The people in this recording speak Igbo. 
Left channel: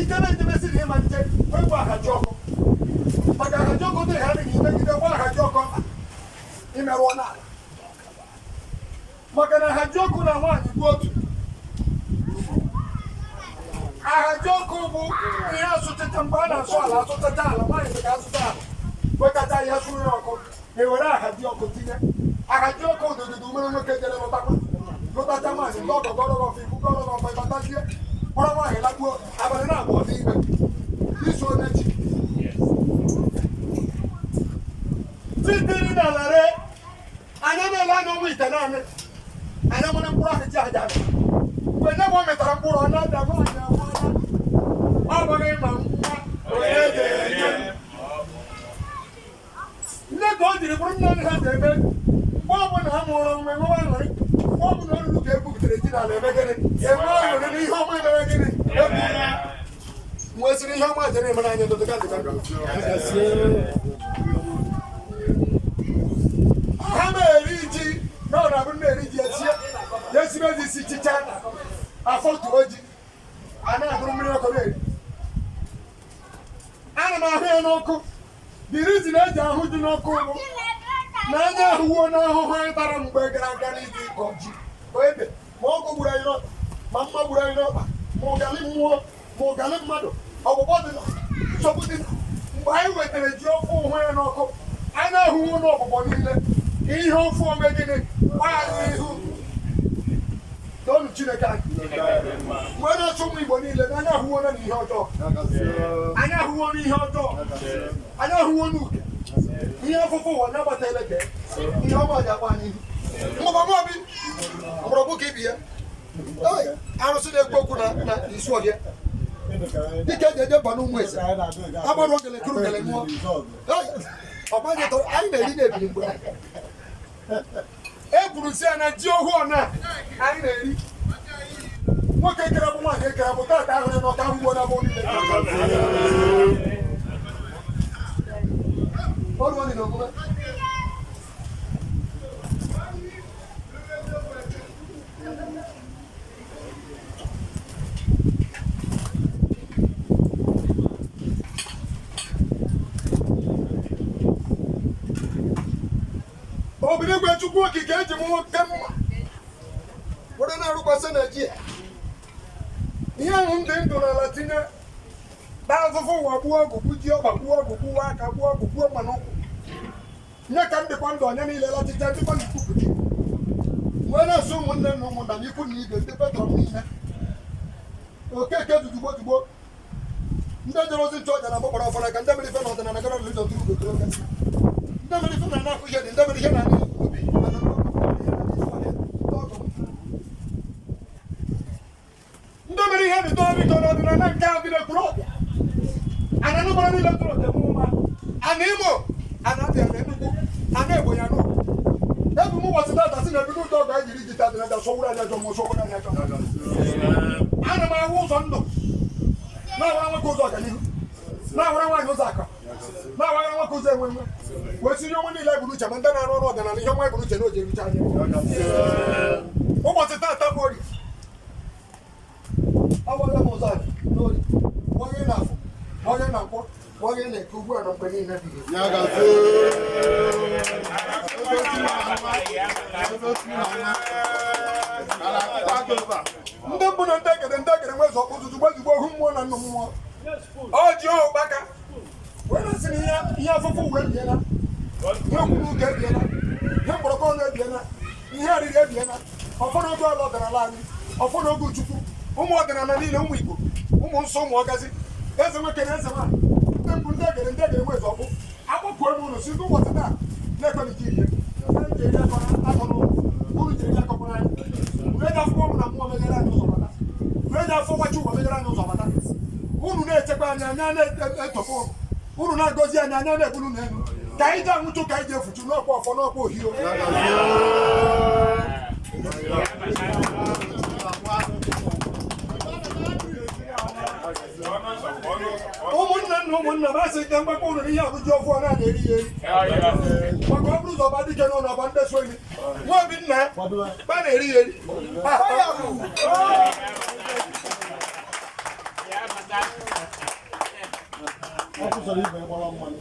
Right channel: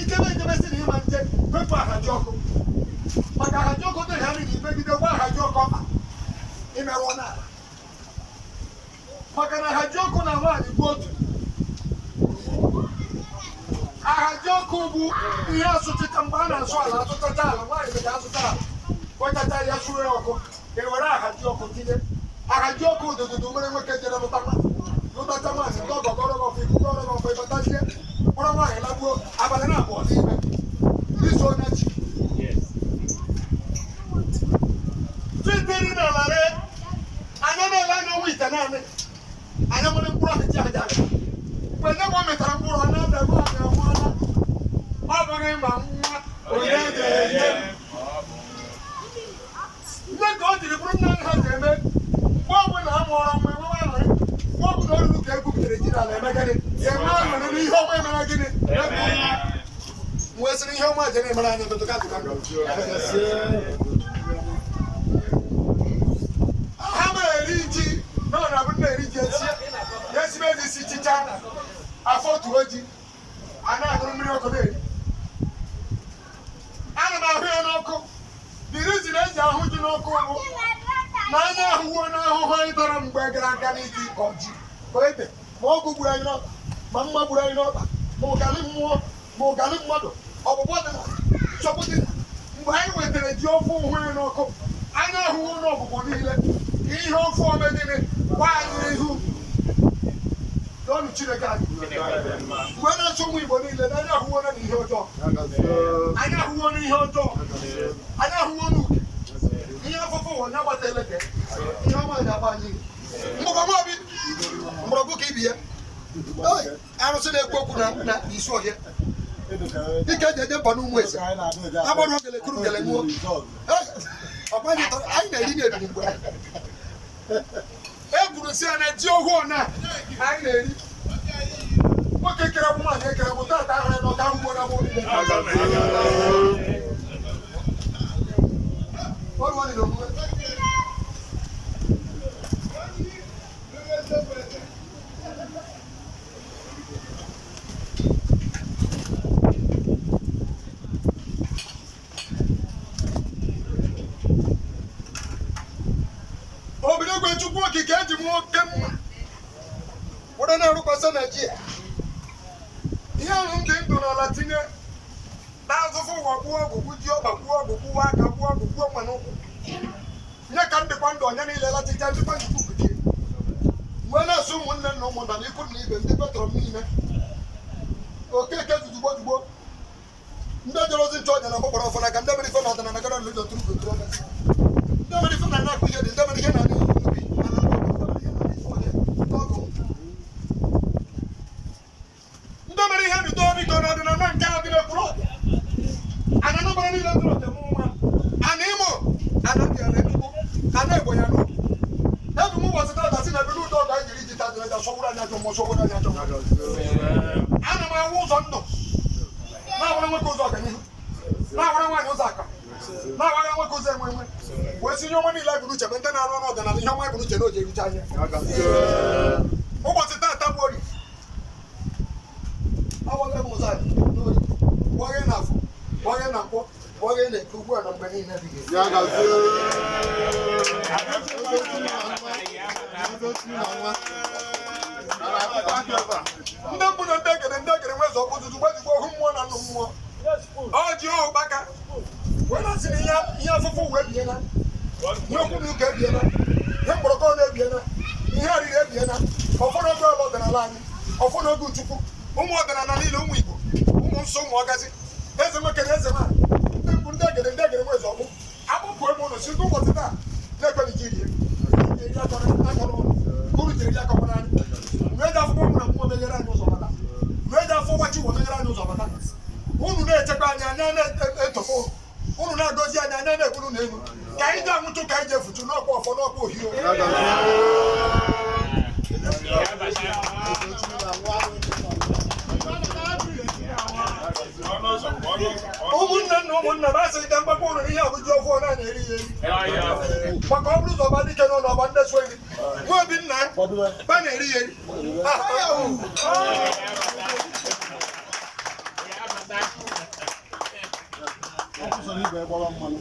ikebe ejebesi na ịmalite wepụ ahaji ọkụ maka ahaji ọkụ dị ha nị imegide gwa ahaji ọkụ imerụ n'ala maka na ahaji ọkụ na nwaanyị bụ otu ahaji ọkụ bụ ihe asụtịta mgbe a na-asụ ala asụtacha ala nwaanyị ga-asụta ala wekata ya sụrụ ya ọkụ ewere ahaji ọkụ tinye ahaji ọkụ ụdụdụdụ mere nwoke jere lụtacha nwaanyị ndị ọgọgọrọgọfọ ikuku ọrọgọfọ ịbatazie kpọrọ nwaanyị lagbuo abalị na-abụọ n'ime iso onye chi tụtiri na lare anya na-ele anya ọnwa ite naanị anya nwere mkpụrụ ahụ ji aja ala mgbe nne m o metara mkpụrụ ọ na-ada nwaanyị amụọla ọ bụghị ma nwa onye ga-enye nne ka o jiri bụrụ nne ha ji eme mgbe ọbụla a mụọrọ nwa enwe aṅụrị mgbe ọbụla oruru ka ebubutere ji n'ala eme gịnị enwe aṅụrị n'ihe ọma emere gịnị wee sịrị ihe ọma je na-emere anya dụdụga dụga ha na-eri ji n'ọrụ abụ na-eri ji ya esibe ezi isi chicha afọ tuo ji a na-agụrụ mmiri ọkụ na-eri ana m ahụ ya n'ọkụ birizi na-eji ahụ ji n'ọkụ bụ na anya ahụwo n'ahụhụ anyị tara mgbe gara aga n'iji ịkọ ji ebe ma ọgụ gburu anyị n'ọkpa ma mma gburu anyị n'ọkpa ma ụgalị mmụọ ma ụgalị mmadụ ọgbụgbọ dị nsogbu dị mgbe anyị wetara ji ofe ụhụ ya n'ọkụ anya ahụhụ n'ọgbụgbọ niile ka ihe ofe ome gịnị gba anyị ihu n'ọnụ Chineke anyị mgbe na-achọ ụmụ Igbo niile na anya ahụwo na ihe ọjọọ anya ahụwo n'ihe ọjọọ anya ahụwo n'uke ihe afụfụ ụwa nya gbata eleke ihe ọma ji agba anyị ihu mgbọgbọbi mgbọrọgwụ ka ibi ya arụsị na-ekwu okwu na isi ọhịa dịka eji eje mba n'ụmụ eze agbarụ ogele kuru gele nwụọ ọgbanye tọrọ anyị na-eri na-ebiri mgbe e kwuru si ya na ji ohu ọna anyị na-eri nwoke kere bụ nwaanyị ekere bụ tata ahụrụ na ọka ahụgbo na bụ niile ọrụ ọnị na omume Obinigwe Chukwu okike eji m nwoke mma were na-arụkwasị Naịjirịa ihe ahụ ndị ndụ n'ala tinye na-azụfụ ụwa gbuo ọgụ gbuji ọkpa gbuo ọgụ gbuo aka gbuo ọgụ gbuo mma n'ụkwụ nye ka ndịkwa ndụ onye niile lachicha ndịkwa ndị kwupụta wee na-asụ ụmụnne na ụmụnna na ikwu na ibe ndị petrol niile okeke dugbo dugbo ndị jere ozi nche ọja na mgbakpọrọ ọfọ n'aka ndị mere ife na ọdịnala gara n'ụlọ tụrụ ndị mere ife na na-akụ ihe dị ndị mere ihe na ndị mere ihe dị tọọ biko na ọdịnala nke a dị n'ekpuru ọbịa ana nụbara niile tụrụ ọbịa nwa ana Imo ana Abịa na Enugu ana Ebonyi ya n'obi ebu m ụbọchị tata si na ebido ụtọ ọgụ anyị jiri iji tadịna aja sọwụrụ anyị ajọ mmụọ sọwụrụ anyị ajọ ana m ahụ ụzọ ndụ na-awara nwoke ụzọ ọganihu na-awara nwaanyị ụzọ aka na-awara nwoke ụzọ enwe enwe wee si ihe ọma niile bụ n'uche ma ndị na-arụ ọrụ ọdịnala ihe ọma bụ n'uche na o ji erucha anya ụbọchị tata bụ Orie agwaghị m ụzọ anyị n'Orie gwaghị na afọ gwaghị na nkwọ gwaghị na eke ugbu a na mgbe niile dị ndị mbụ na ndị ekere nwezi ọkpụ tutu gbazigbo ohu mmụọ na nnụ mmụọ ọ ji ụkpaka wee nasịrị ihe afụfụ uwe ebiela ihe okwuru ụka ebiela ihe mkpọrọkọ na-ebiela ihe arịrị ebiela ọfọdụ oge ọla ọdịnala anyị ọfọdụ oge Chukwu ụmụ ọdịnala niile ụmụ Igbo ụmụ nsọ ụmụ ọgazi eze nwoke na eze nwaanyị ndị mbụ ndị egere nwezi ọkpụ akpụpụ ebe ụlọ si ndị ụbọchị taa na-ekwe Nigeria eri akọ n'ụlọ uru jiri akọ n'anya wee ji afọ ọmụ na mmụọ meghere anyị ụzọ bata wee ji afọ gbachi ụwa meghere anyị ụzọ bata unu na-echekwa anyị anya na-etofo unu na-agọzi anyị anya na-eburu n'elu ka anyị ji anwụchụ ka anyị ji efuchu n'ọkwa ọfọ n'ọkwa ohio ụmụnne na ụmụnna m asị ka mgbakọ ụlọ n'ihe abụji ọfụ ọ na-eri ya eri maka ọ bụrụ ụzọ ọba dike n'ụlọ ọba ndị so eri nwa obi nna ya ba na-eri ya eri ọkụ sọrọ ibe gbawa mmanụ